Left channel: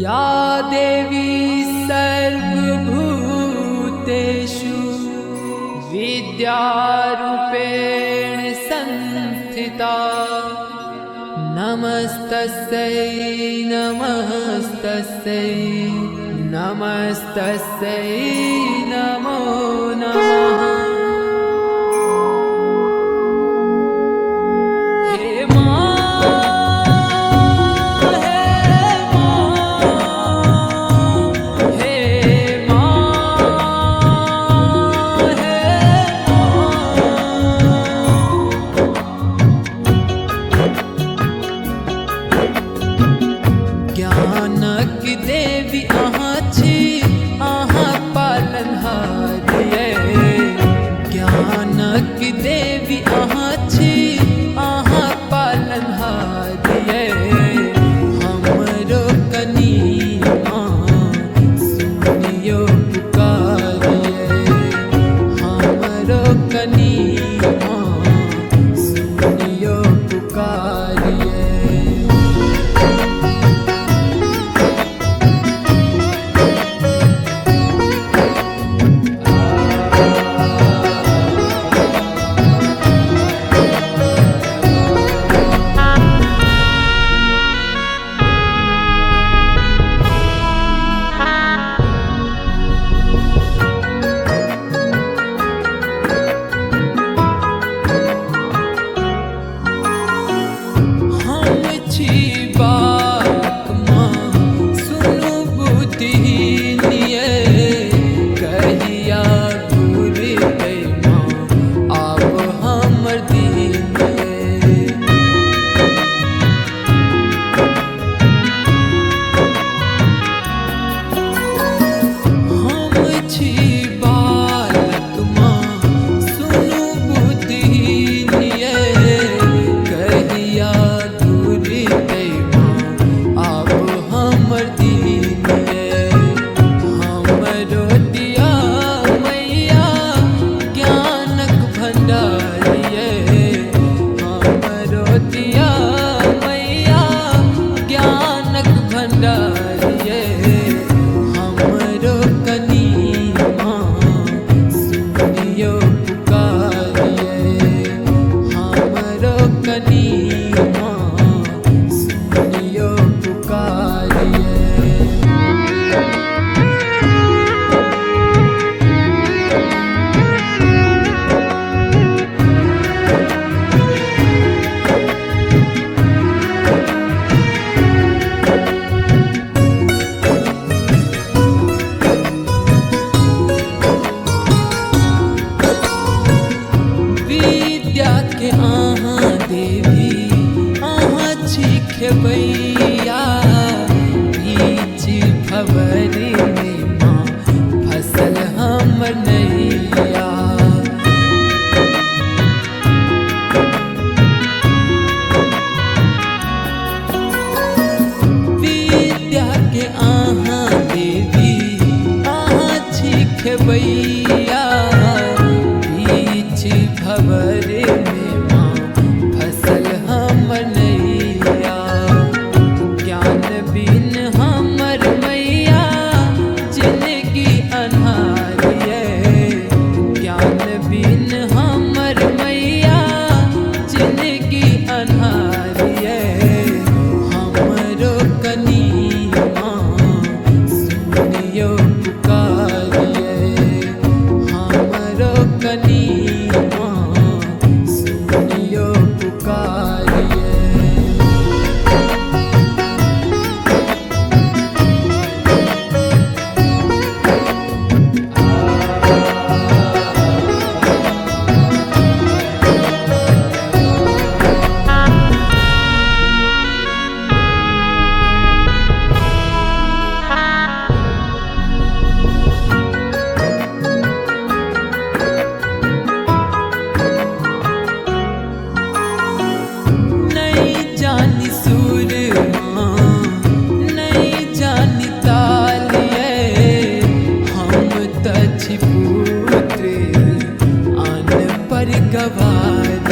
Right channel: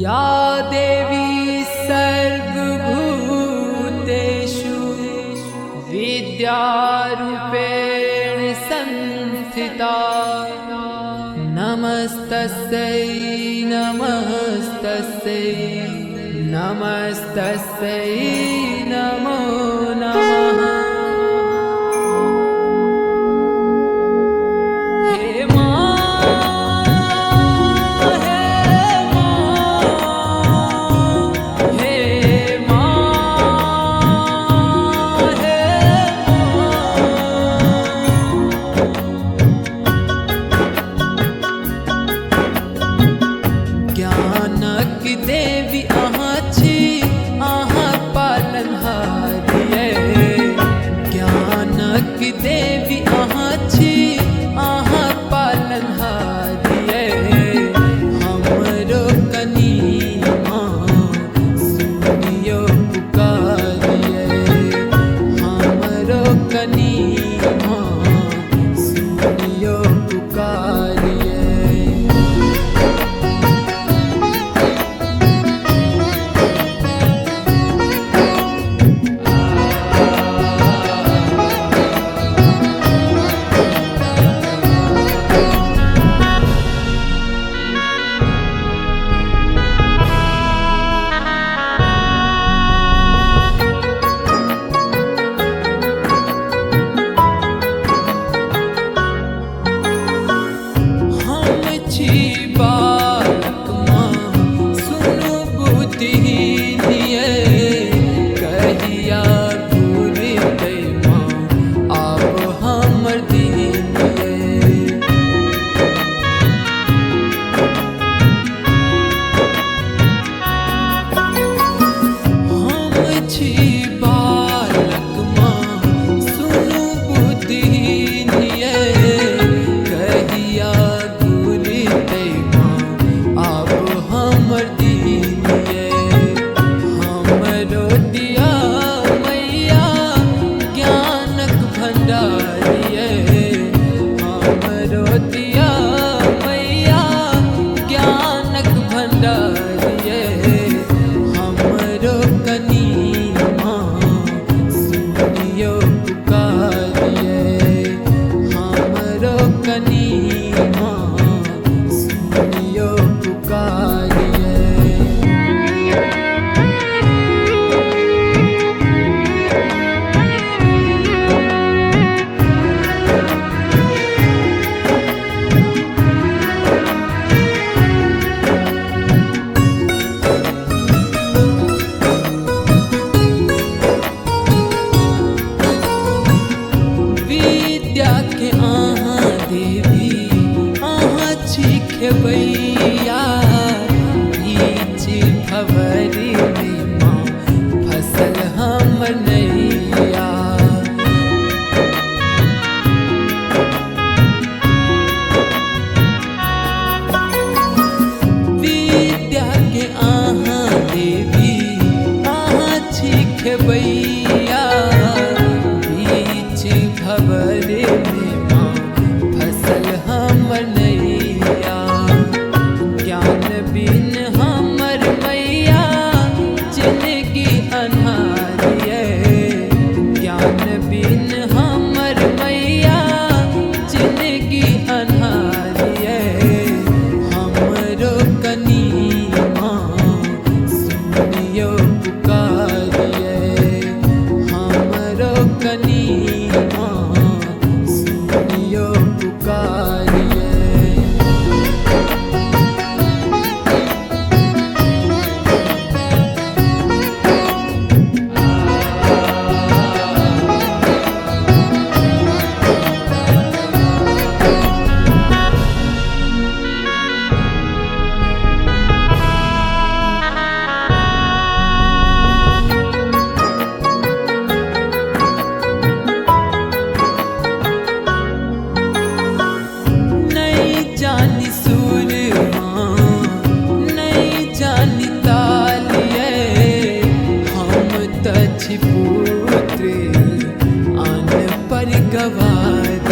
या देवी सर्वभूतेषु विद्यारूपेण संस्थिता नमस्तस्यै नमस्तस्यै नमस्तस्यै नमो नमः। ज्ञानक देवी अहाँ छी, अहाँ पालनहारी यै। ज्ञानक देवी अहाँ छी, अहाँ पालनहारी यै। हमरो कनी सुनियो पुकारियै, हमरो कनी सुनियो पुकारियै। बालक माँ सुनु बुद्धिहीन यै, कहिया घुरतै माँ आब हमर दिन यै। हम छी बालक माँ सुनु बुद्धिहीन यै, कहिया हमर दीन यै। हमरो दिया मैया ज्ञानक भंडार यै। हमरो दिया मैया ज्ञानक भंडार यै। हमरो कनी सुनियो पुकारियै, हमरो कनी सुनियो पुकारियै। विद्या के अहाँ देवी अहाँ छी खेबैया, बीच भंवरी में माँ फसल हमर नैया। विद्या के अहाँ देवी अहाँ छी खेबैया, बीच भंवरी में माँ फसल हमर नैया। ज्ञान बिन हमर मैया जिंदगी अन्हार यै। ज्ञान बिन हमर मैया जिंदगी अन्हार यै। हमरो कनी सुनियो पुकारियै, हमरो कनी सुनियो पुकारियै। पुत्र आन पर गवार